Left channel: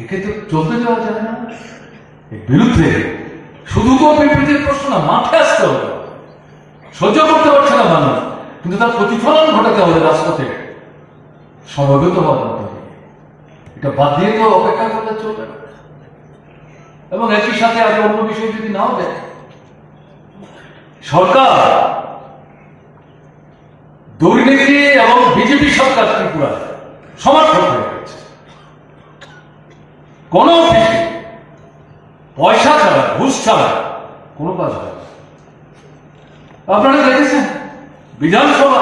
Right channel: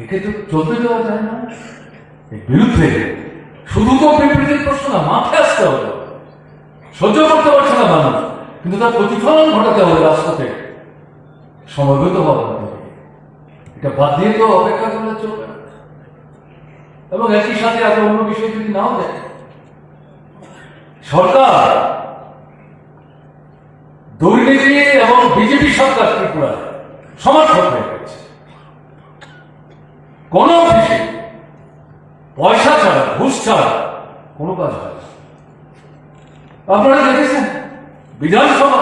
একে তো চলতে দেওয়া যায় না। বিরুদ্ধে শুধু তো প্রশ্ন না মাঠে আসতে হবে। সহ্য করতে পারছে না কিন্তু তার প্রতিফলন ঘটাতে হবে রাজপথে। হওয়ার এটা বাদ দিয়ে তো অপেক্ষা করলে চলবে এবং একই সাথে আরও অন্য বিষয় যদি নাও দেখে সরকার, দুর্নীতি এবং বিজেপি সরকার ত্রিপুরা সমর্থক হয়ে গেছে কোন অফিসে পয়সা ছাড়া, ঘুষ ছাড়া কোনো কাজ হয় না। আপনারা দেখেছেন, বিধানসভা,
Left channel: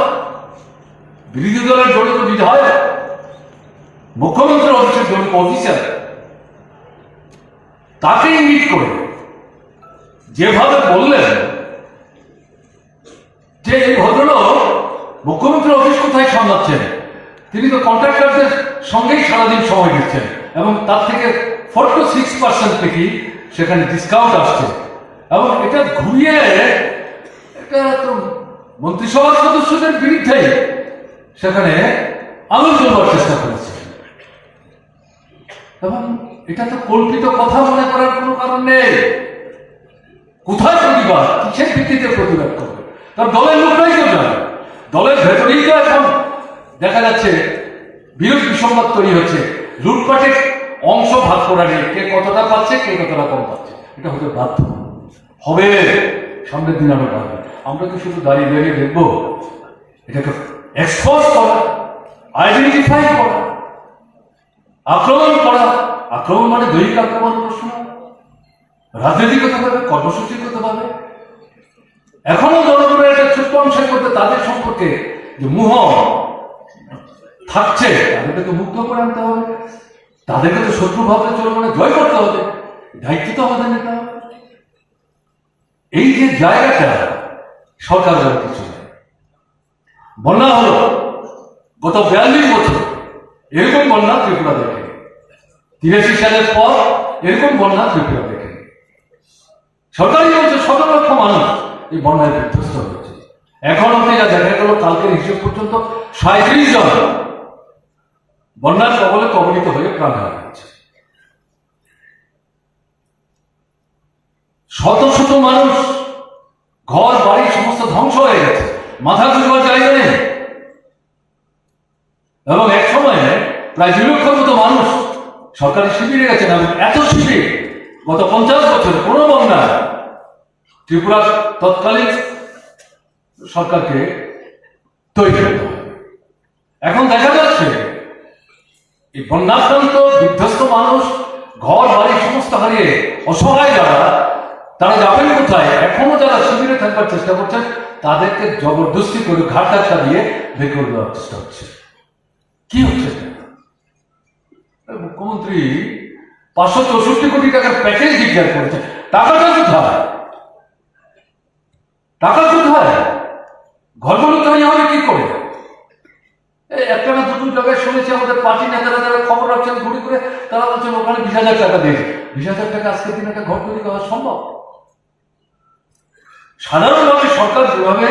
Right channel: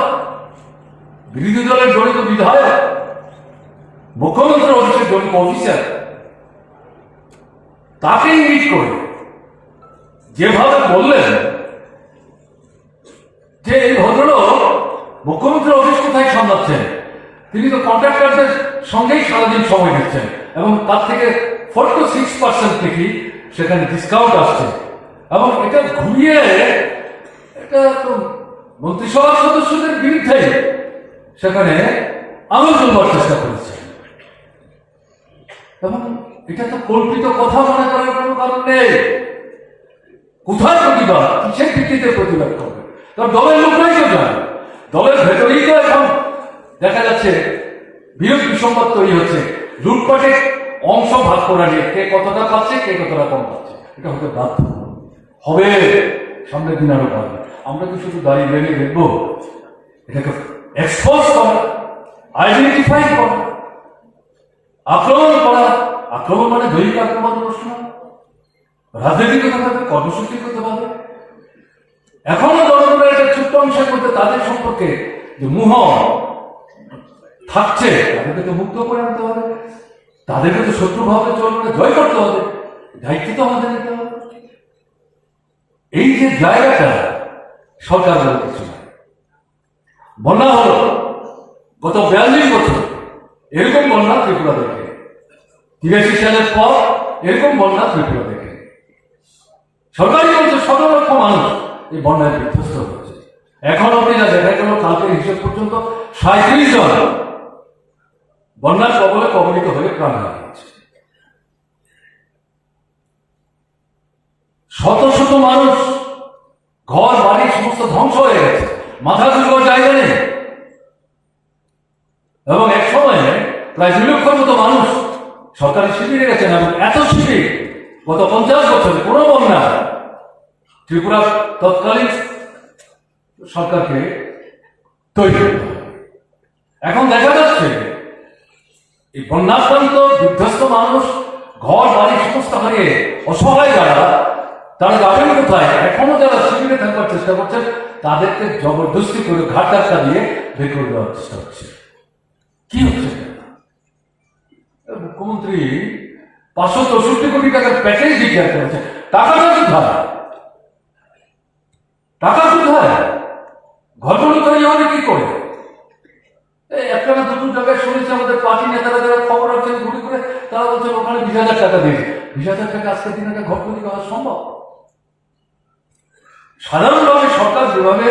বিরোধী দলের জড়িত বিধায়ক মুখ্যমন্ত্রীর অফিসের জড়িত অফিসার তাকে ইঙ্গিত করে যেভাবে বললেন যে এই ভদ্রলোক মুখ্যমন্ত্রী অফিস কোথায় সামলাচ্ছেন? তিনি তো কন্ট্রাক্টরদের সঙ্গেই সারাদিন সময় দিচ্ছেন এবং তার থেকে ফোর টু সিক্স পার্সেন্ট থেকে সেখানে ডিসকাউন্ট আসছে। এবং এটা ঘুরিয়ে এটা তো মন্ত্রিসভার সদস্যদের বিরুদ্ধে সেখানে আঙুল তুলবার চেষ্টা করেছে। এবং এটা তো কল্পিত কথা মনে করার কোনো কারণ নেই। কোথায় প্রতিবাদ? কিসের ভিত্তিতে প্রতিবাদ করবে? তার দলের লোকরাই তো জানে। দলের ভেতরেই তো এখন দেখা যাচ্ছে বিরোধ বিসম্বাদ তৈরি হচ্ছে। লুটপাটের অংশ ভাগ করা নেই কে কতটা পাচ্ছে, কে কতটা কম পাচ্ছে, এটা হতে বাধ্য। হবে সামনের দিন আরও পারবে আমরা কি শুধু দাঁড়িয়ে দাঁড়িয়ে দেখব? এটাকে এক্সপোজ করা আইডেন্টিফাই করা, আক্রমণ করা, আক্রমণ মানে দৈহিক আক্রমণ প্রশ্ন। রাজনৈতিকতাভাবে কর্মসূচিগতভাবে এখনও জনগণের একটা ছোট্ট অংশের মধ্যে তাদের সম্পর্কে যে মুহ থাকছে, তাদেরকে তো মুক্ত করে আনতে হবে। তাদেরকে তো শত্রু ভাবে চলবে না, জয় করতে হবে। দায়িত্ব তো আমাদের নিতে হবে। এই যে জায়গাটা, সরকার বলে কিছু বন্যা হলো, গত বিয়াল্লিশ বছর এরকম বন্যা ত্রিপুরা দেখে। তিরাশি সালের পর এরকম বন্যা ত্রিপুরা দেখে। সরকারি বলছে সতেরো লক্ষ মানুষ এই বন্যায় বিধ্বস্ত হয়েছে। এখন অব্দি যা দেখা গেল, কালকের হিসেব পর্যন্ত সাঁত্রিশ জন বন্যার কবলে কবলিত হয়ে প্রাণ হারিয়েছে শত শত মানুষ, ঘর, বাড়ি, সমস্ত ধ্বংস হয়ে গেছে। মাথা দুর্বল জায়গা নেই। এবং এক সময়ে প্রায় দুই লক্ষের মতো মানুষ সরকারি শিবিরে গেছেন এবং এত শিবির গত পঞ্চাশ বছর কোনো বন্যা ত্রিপুরার তৎকালীন সরকারকে তৈরি এখন দেখা যাচ্ছে এই বন্যাক্রান্ত বিধ্বস্ত মানুষ, ঘর, বাড়ি সমস্ত হারিয়ে অসহায় যারা, তারা যাবেন কোথায়? এখনও যারা শিবিরে থাকার চেষ্টা করছেন, তাদেরকে জবরদস্তি করে ঘাট ধাক্কা দিয়ে বের করে দেওয়ার চেষ্টা হচ্ছে। কি হচ্ছে মুখ্যমন্ত্রী পাঁচশো চৌষট্টি কোটি টাকার প্যাকেজ ডিক্লেয়ার করেছে। টাকাটা কোথায় টাকা কোথায় ঘরগুলো তৈরি হবে কি করে এই একটা দুটো শুনেছি, আমাদের পার্টি নেতারা যারা খবর রাখছেন, ঘুরে ঘুরে, তারা বলছেন ওখানে বিশ হাজার টাকা দিয়েছে। বিশ হাজার টাকা আজকের দিনে একটা ঘর তৈরি করা সম্ভব? সাধারণভাবে সরকার যেভাবে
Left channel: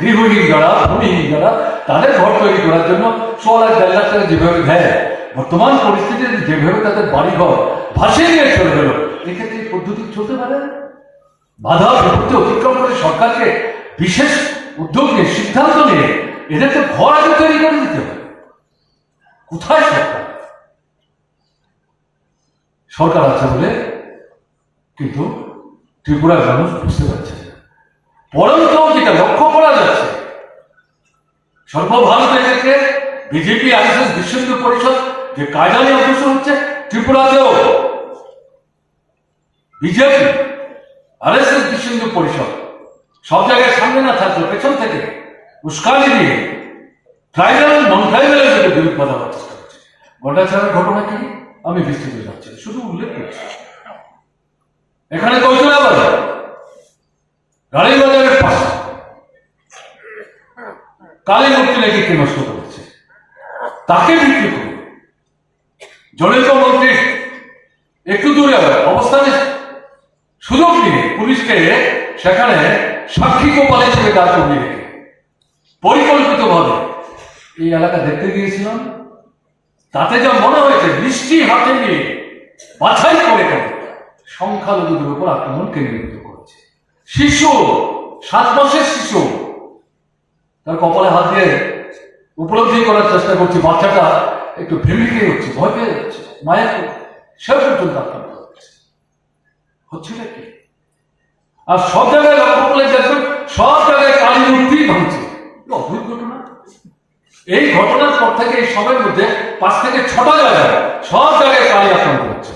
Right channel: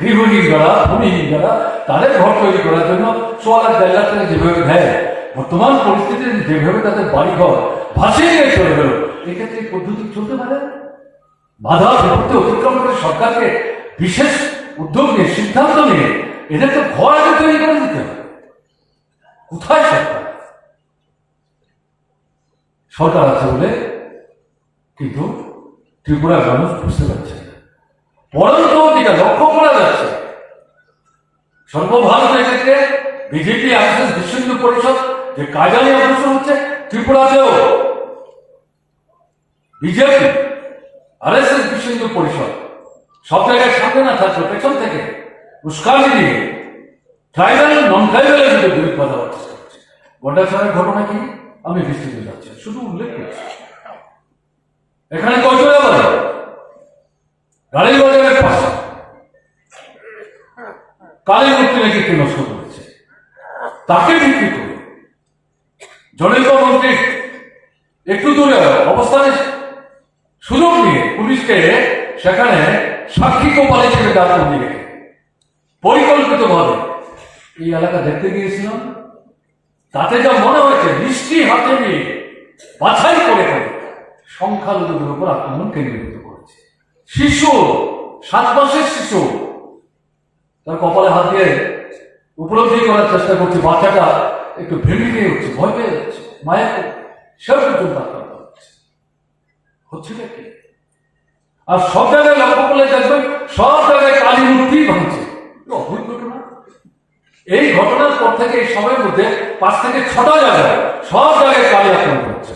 গৃহহীন যারা, ভূমিহীন যারা, তাদের ঘর তৈরি করার জন্য ছ লাখ, দেড় লাখ টাকা যেভাবে দেয়, বর্তমান পরিস্থিতিতে যেভাবে তাদের বাড়ি ঘর ভাসিয়ে নিয়ে চলে গেল, এক্ষেত্রে এই পদ্ধতি চলতে পারে? বাধা বিপত্তি অতিক্রম করে সরকারকে বিশেষ উদ্যোগ নিয়ে, সিদ্ধান্ত নিয়ে এদের তো ঘর আগে তৈরি করে দিতে হবে। কোথায় সরকার সরকার আছে বলে কিন্তু ত্রিপুরার মানুষ বুঝতে পারছে না যেটা লক্ষ্য করা যাচ্ছে। সর্বভারত এক্ষেত্রে বিজেপি আরএসএস বিশ্ব হিন্দু পরিষদ, যে নিয়ে অগ্রসর হচ্ছে ত্রিপুরাতেও। বিজেপি আর আরএসএস বিশ্ব হিন্দু পরিষদ, সব জায়গায় সামনে না থাকলে পেছন থেকে উস্কানি দিয়ে ট্রাইবাল নন ট্রাইবালের যদি বিরোধ বাঁধাবার চেষ্টা করছে গন্ডাছাড়ার ঘটনা কি? আমি বিস্তৃত যাচ্ছি শুধু উল্লেখ করছি। এখানে কয়জনে বাজার গাড়ি বাজারের পাশে। কালী মূর্তি নাকি কে নষ্ট করেছে? তাকে ভিত্তি করে। জনৈক মন্ত্রী একটু দূরে অবস্থানে সুযোগ নিয়ে পুলিশকে সেখানে সাক্ষী কোপালে ছেড়ে দাঁড় করিয়ে রেখে। পরিকল্পিতভাবে এই এলাকা দেখতে গিয়েছিলাম, তাতে যা মনে হয়েছে, মিষ্টি হাতে নিয়ে বাছাই করে করে সংখ্যালঘুদের উপর আক্রমণ কেন্দ্রীভূত করেছে। শিশু, সাত মাসের শিশু, তার কপালে হাত দিয়ে উপলব্ধি করার চেষ্টা করছি, বাচ্চাটা একটু ভেঙে হচ্ছে ভয় পেয়ে যাচ্ছে, মায়ের সে পর্যন্ত আক্রান্ত হচ্ছে। আর সব জায়গায় লক্ষ্য করলে দেখবেন, সব জায়গায় কালী মূর্তি ভাঙছে এ অদ্ভুত ঘটনা এই ঘটনার পর থেকে এই সময়ের মধ্যে পাঁচ থেকে ছটা জায়গায় সব জায়গায় কালী আক্রমণ হচ্ছে।